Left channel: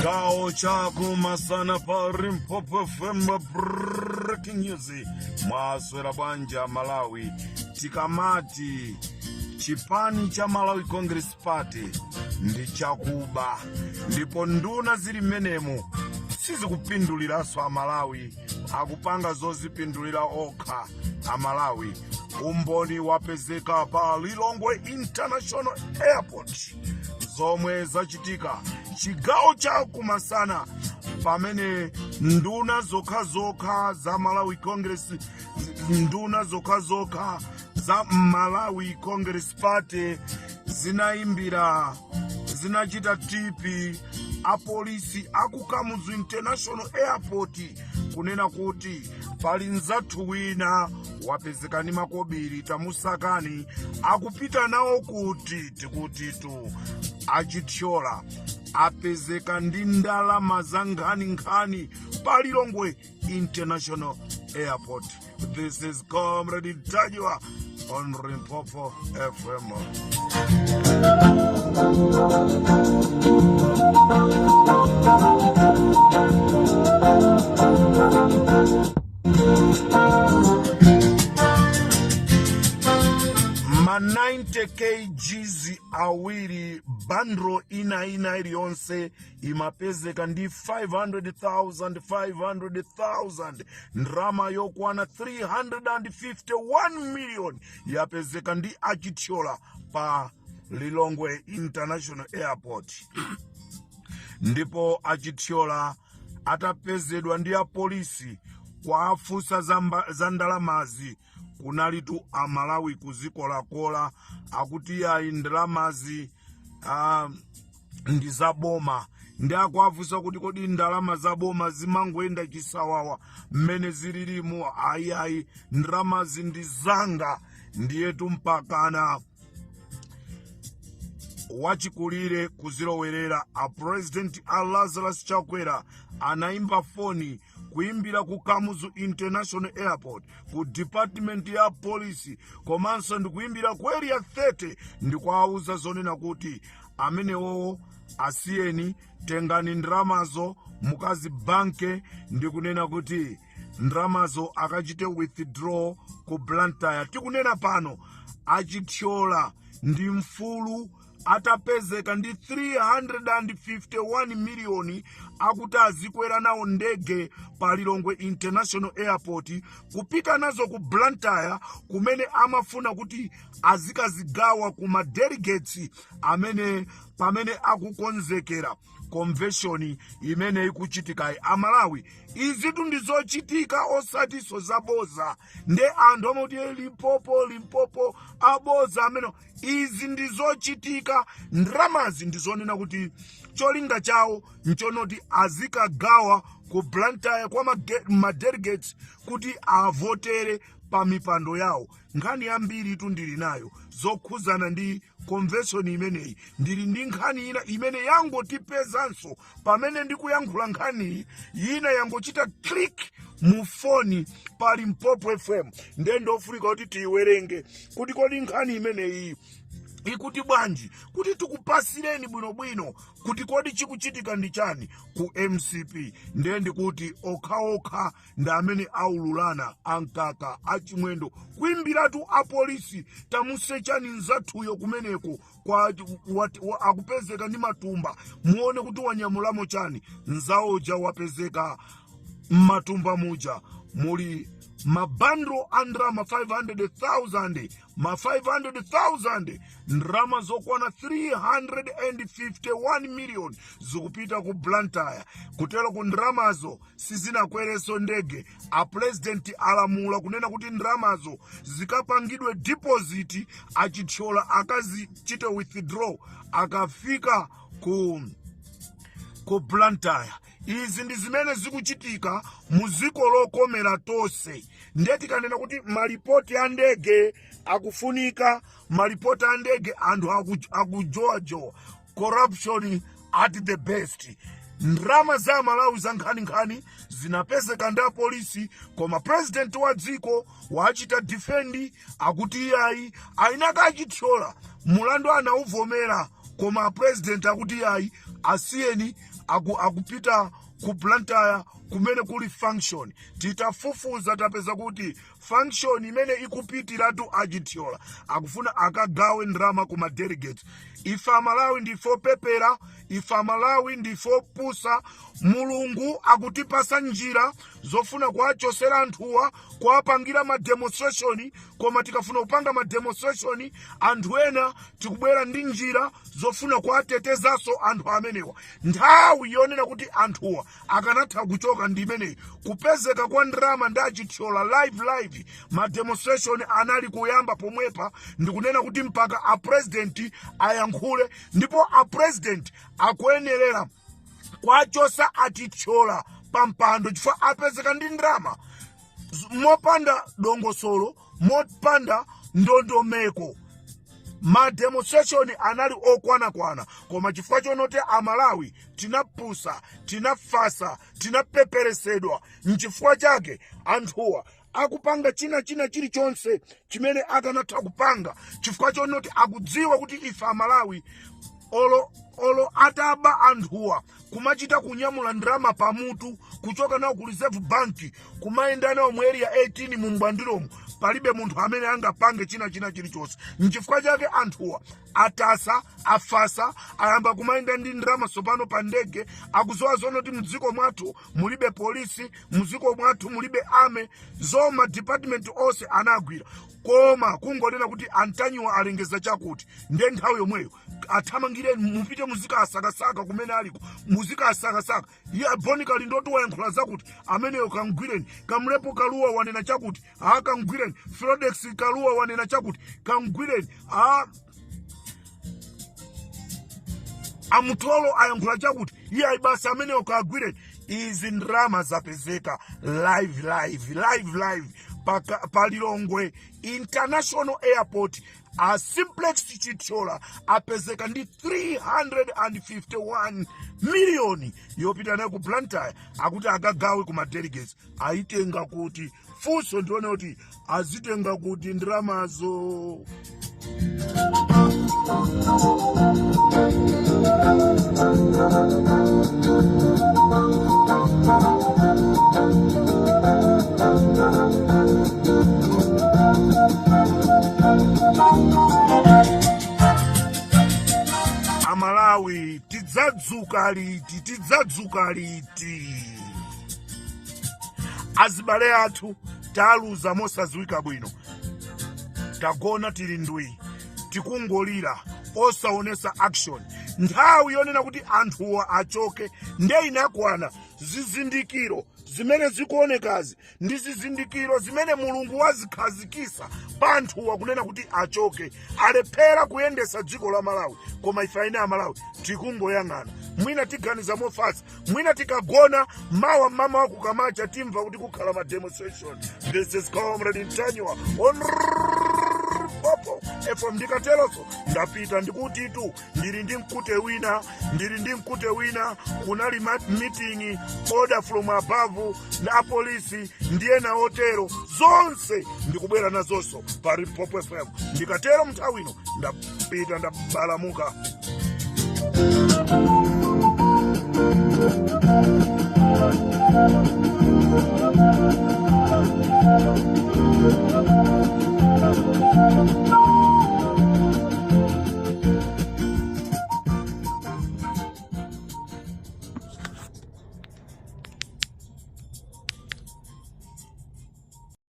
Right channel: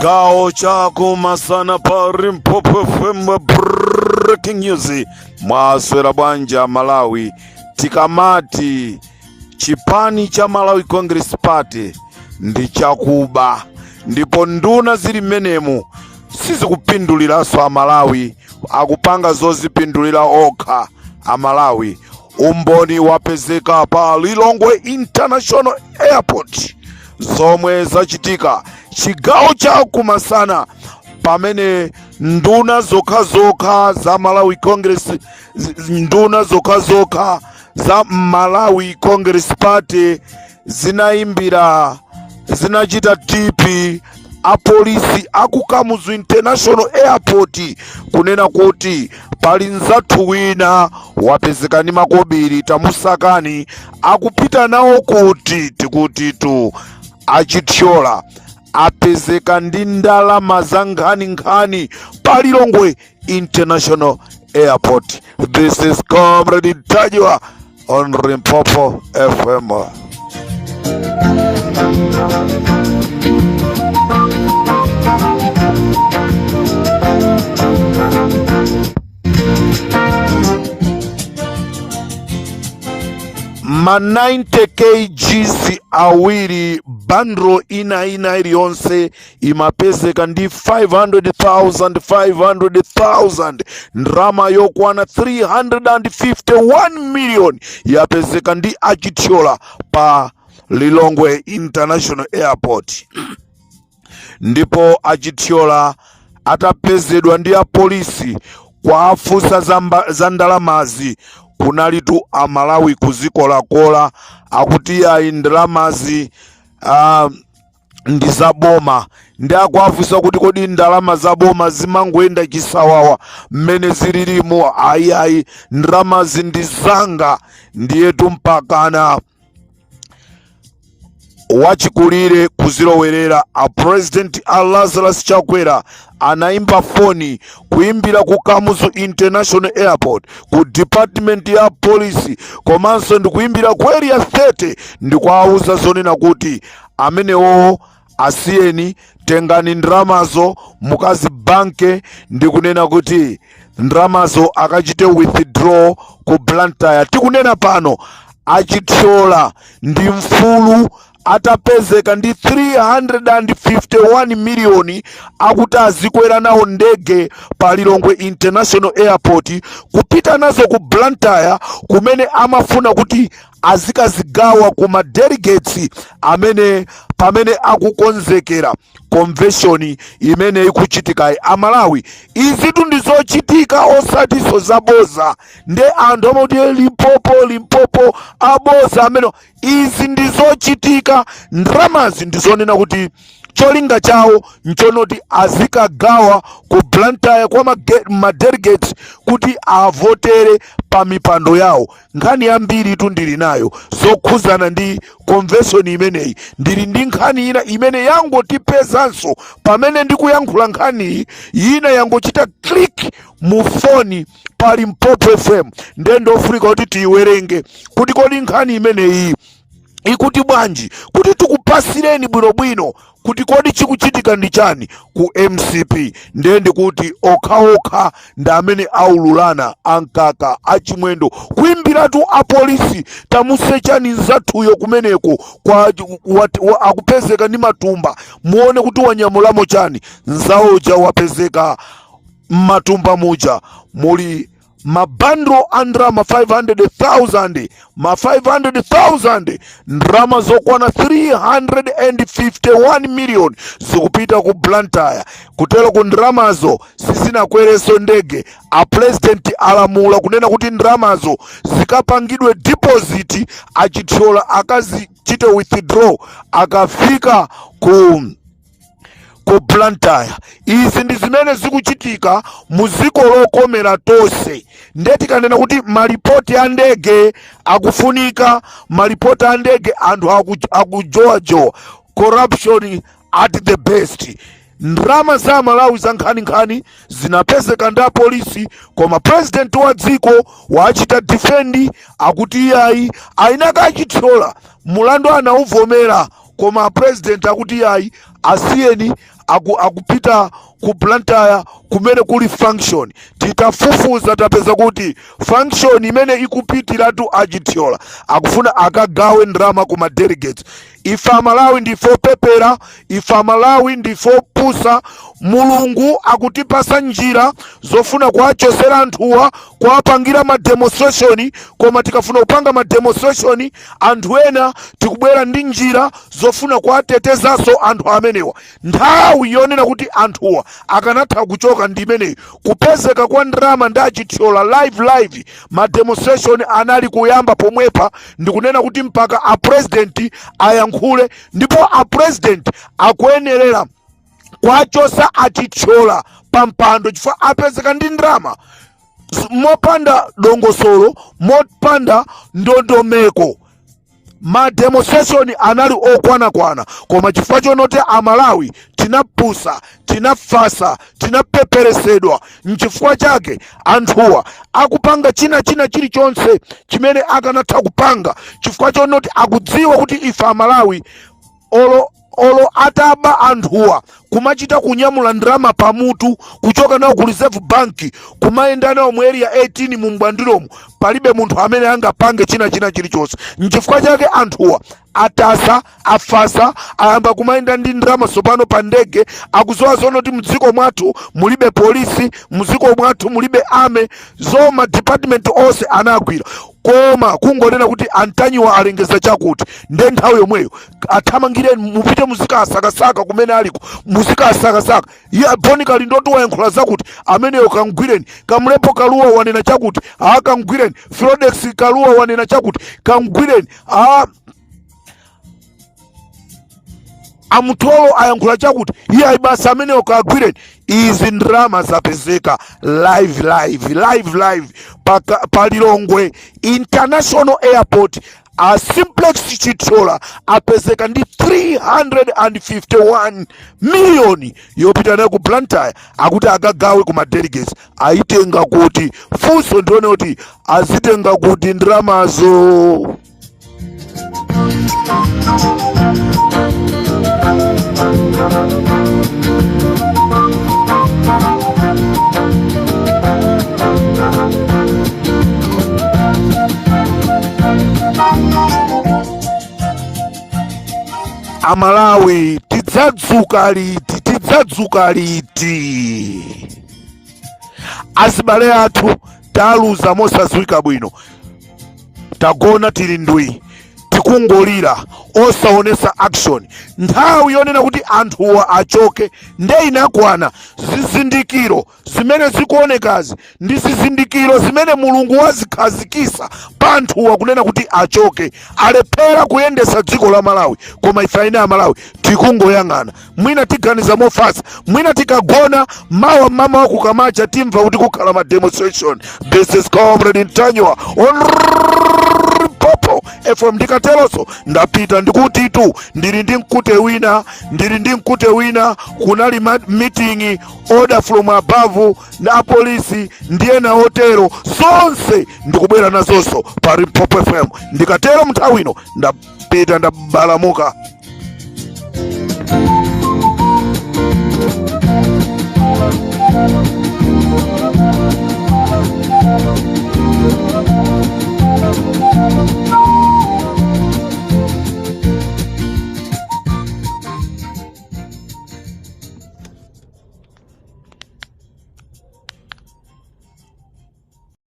Chigawo chako masana pari Mpopo FM breaking news. Mwaswera bwanja Malawi. Tikamati chipani cha Malawi Congress Party ndi chakuba, ndipo nduna zili menemu sizikupinduliranso Amalawi, akupanga zozipindulira okha Amalawi. Umboni wapezeka pa Lilongwe International Airport zomwe zachitika chigawo cha kumasana, pamene nduna zokha za Malawi Congress, nduna zokha za Malawi Congress Party zinaimbira, zinachita tipi apolisi akukamuzu International Airport kunena kuti pali nzathu wina wapezeka ndi makobiri tamusakani akupita nawo kuti tikutitu achithyola apezeka ndi ndalama za nkhani pa Lilongwe International Airport. This is Comrade Tajwa on Limpopo FM. Ma 90 kgs awiri bandro ina iliyonse imapezeka ndi 500,000 ndrama yokwana 351 million yapezeka ndi achithyola pa Lilongwe International Airport. Ndipo achithyola atapezedwa ndi apolisi kwa afusa za ndalamazi kunalitu Amalawi kuzikolakola akuti ayi ndalamazi ndi zaboma, ndi akuafusa kuti kodi ndalama zaboma zimangoenda chisawawa mmene zililimo. Ayi ndalamazi ndi zanga. Ndiyetu mpakana wachikulire kuzilowerera a President Lazarus Chakwera anaimba foni kuimbira ku Kamuzu International Airport, ku Department ya Police, komanso ndi kuimbira ku Area 30 ndi kuawuza zonena kuti amenewo asiyeni, tengani ndramazo mukazi banke, ndi kunena kuti ndramazo akachite withdraw ku Blantyre. Tikunena pano achithyola ndi mfulu atapezeka ndi 351 million akuti azikwera nawo ndege pa Lilongwe International Airport kupita nazo ku Blantyre, kumene amafuna kuti azikazigawa kuma delegates amene pamene akukonzekera convention imene ikuchitika Amalawi. Izitu ndizochitika osatiso zaboza, nde anthu amati Limpopo aboza amene izi ndizochitika. Ndramazi ndizonena kuti cholinga chawo nchonoti azikagawa ku Blantyre kwa madelegates kuti avotere pa mipando yawo. Nkhani yambiri tu ndili nayo zokhuzana ndi convention imeneyi. Ndili ndi nkhani ina imene yangotipezanso pamene ndikuyankhula nkhani ina yangochita click mu foni pa Limpopo FM, ndendo ofulika kuti tiyiwerenge kuti kodi nkhani imeneyi ikuti bwanji, kuti tikupasireni bwinobwino kuti kodi chikuchitika ndi chani ku MCP. Ndende kuti okhaokha ndi amene aululana ankaka achimwendo kuimbiratu apolisi tamusechani nzathuyo kumeneko kwa akupezeka ndi matumba, muone kuti wanyamulamo chani. Nzawoja wapezeka matumba muja muli mabandro andrama 500,000 ndrama zokwana 351 million zikupita ku Blantyre. Kutelo ku ndramazo sizinakwereso ndege. A president alamula kunena kuti ndramazo zikapangidwe deposit, achithyola akazichite withdraw akafika ku Blantyre. Izi ndi zimene zikuchitika muziko lokomera tonse. Ndeti kanena kuti malipoti a ndege akufunika, malipoti a ndege anthu akujowajowa, corruption at the best. Ndrama za Malawi za nkhani zinapezeka ndi polisi, koma president wa dziko wachita defendi akuti iyayi ainaka achithyola mulandu anauvomera, koma president akuti iyayi asiyeni akupita ku Blantyre kumene kuli function. Titafufuza tapeza kuti function imene ikupitiratu Achithyola akufuna akagawe ndrama kuma delegates. Ife Amalawi ndifo pepera, ife Amalawi ndifo pusa. Mulungu akutipasa njira zofuna kuachosera anthuwa, kuapangira ma demonstration, koma tikafuna kupanga ma demonstration anthu ena tikubwera ndi njira zofuna kuatetezaso anthu amenewa. Nthawi yonena kuti anthuwa akanatha kuchoka ndi imeneyi. Kupezeka kwa ndrama ndi Achithyola live ma demonstration anali kuyamba pomwepa, ndikunena kuti mpaka a president ayankhule, ndipo a president akuyenerera kwachosa Achithyola pampando chifukwa apezeka ndi ndrama mopanda dongosolo, mopanda ndondomeko. Ma demonstration anali okwanakwana, koma chifukwa chonoti Amalawi tinapusa, tinafasa, tinapeperesedwa, nchifukwa chake anthuwa akupanga china chilichonse chimene akanatha kupanga, chifukwa chonoti akudziwa kuti ife Amalawi olo ataba anthuwa kumachita kunyamula ndrama pamutu kuchoka nawo ku Reserve Bank kumayenda nawo mu area 18 mu mbwandiromu, palibe munthu amene angapange china chilichonse. Nchifukwa chake anthuwa atasa, afasa, ayamba kumayenda ndi ndrama sopano pa ndege. Akuzowa zonoti mdziko mwathu mulibe polisi, mdziko mwathu mulibe ame, zoma department onse anagwira, koma kungonena kuti Antanyiwa alengeza chakuti. Nde nthawi yomweyo athamangire mupite muzikasakasaka kumene aliko, muzikasakasaka. Iye bonikali ndoto wayankhula zakuti ameneyo kamgwireni. Kamlepo Kaluwa wanena chakuti kamgwireni. Filodex Kaluwa wanena chakuti kamgwireni. Amutolo ayankhula chakuti iye aibasa ameneyo kagwireni. Izi ndrama zapezeka live Palilongwe International Airport. A Simplex Chithyola apezeka ndi 351 million yopita nayo ku Blantyre akuti akagawe kuma delegates. Aitenga kuti funso ndione kuti azitenga kuti ndramazo. Amalawi tidzadzuka liti. Asibale athu taluza mosadziwika bwino, tagona tili ndwi, tikungolira osaonesa action. Nthawi yonena kuti anthuwa achoke nde inakwana. Zizindikiro zimene zikuonekazi ndi zizindikiro zimene Mulungu wazikhazikisa pa anthuwa kunena kuti achoke. Alephera kuyendesa dziko la Malawi, koma ife ine Amalawi tikungoyang'ana. Mwina tiganiza mofasa, mwina tikagona mawa mama wakukamacha timva kuti kukhala ma demonstration. This is Comrade Ntanyiwa Popo FM. Ndikateloso ndapita ndikuti tu ndili ndi mkute wina kunali meeting order from above na polisi ndiye na hotelo zonse ndikubwera nazonso pa Popo FM. Ndikatero mthawino ndapita ndabalamuka.